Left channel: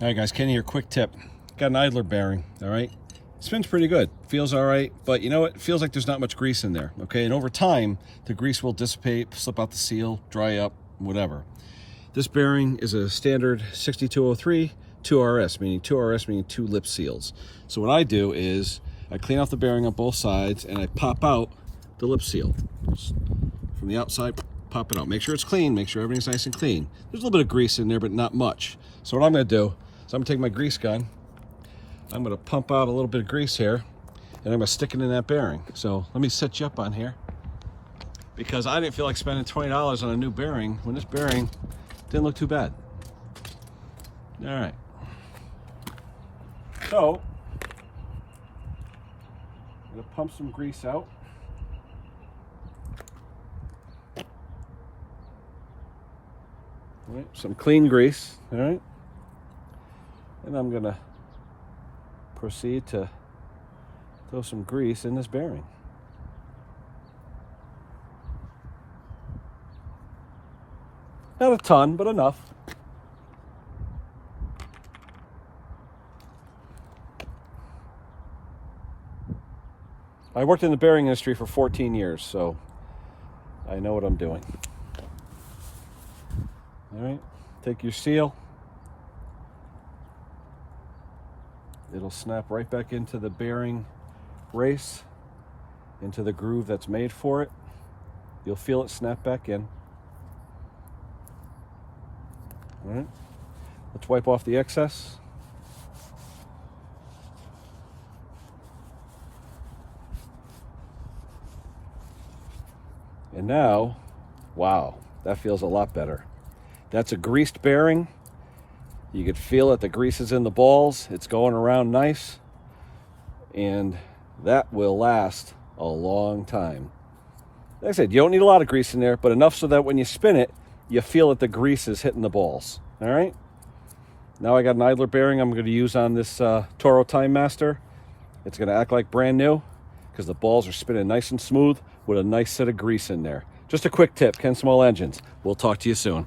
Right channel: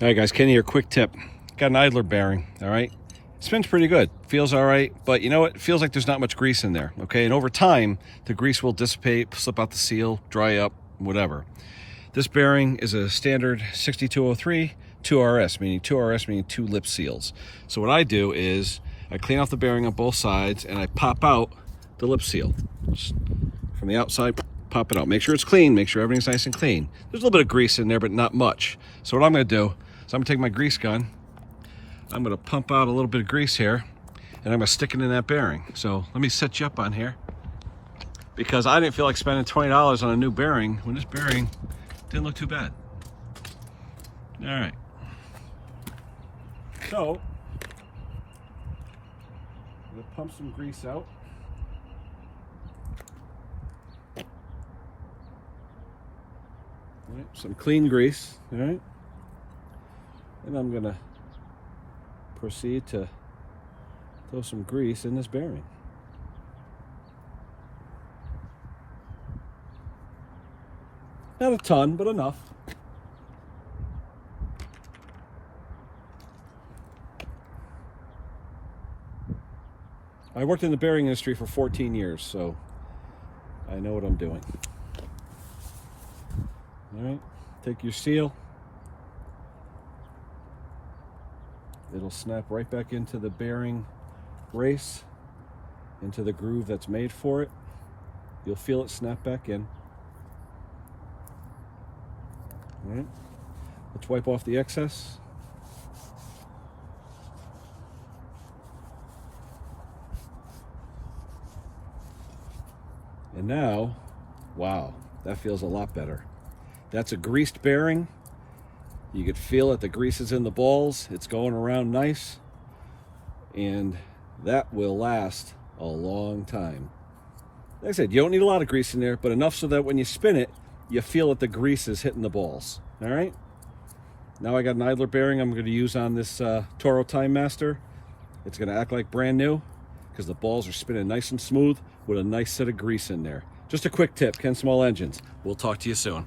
All right, guys, Kenny here. Quick tip. Got an idler bearing, all right? It spins pretty good. Feels all right, but you know what? It feels like there's not much grease in there, okay? And over time, the grease will dissipate, slip out the seal, dry up, whatever. This bearing is a standard 6203 2RS, meaning 2RS meaning 2 lip seals. So what I do is I clean off the bearing on both sides and I pop out the lip seal. Just from the outside, pop it out. Make sure it's clean, make sure everything's nice and clean. There's a little bit of grease in there, but not much. So what I'm gonna do is I'm gonna take my grease gun, I'm gonna pump out a little bit of grease here, and I'm gonna stick it in that bearing. So let me set you up on here, because I didn't feel like spending $20 on a new bearing when this bearing didn't look too bad. All right. So, I'm gonna pump some grease out. All right, some clean grease, all right? And I'm gonna proceed to throw some grease in this bearing. Not a ton, but enough. I worked in the bearing industry for 14 years, so I know what I'm doing. All right, take your seal. It'll snap right back into the bearing brace, into the groove that's made for it. You'll feel it snap back in. All right, let's wipe off the excess. And now, wow, that feels a lot better. That's a greased bearing. You could feel it, the grease is in the balls. It's going around nice. And that will last a long time. Like I said, you don't need a lot of grease in there, but enough so that when you spin it, you feel that the grease is hitting the balls. All right? Now I got an idler bearing I'm going to use on this Toro Time Master. It's going to act like brand new because the balls are spinning nice and smooth with a nice set of grease in there. Just a quick tip, Ken Small Engines. We'll talk to you soon.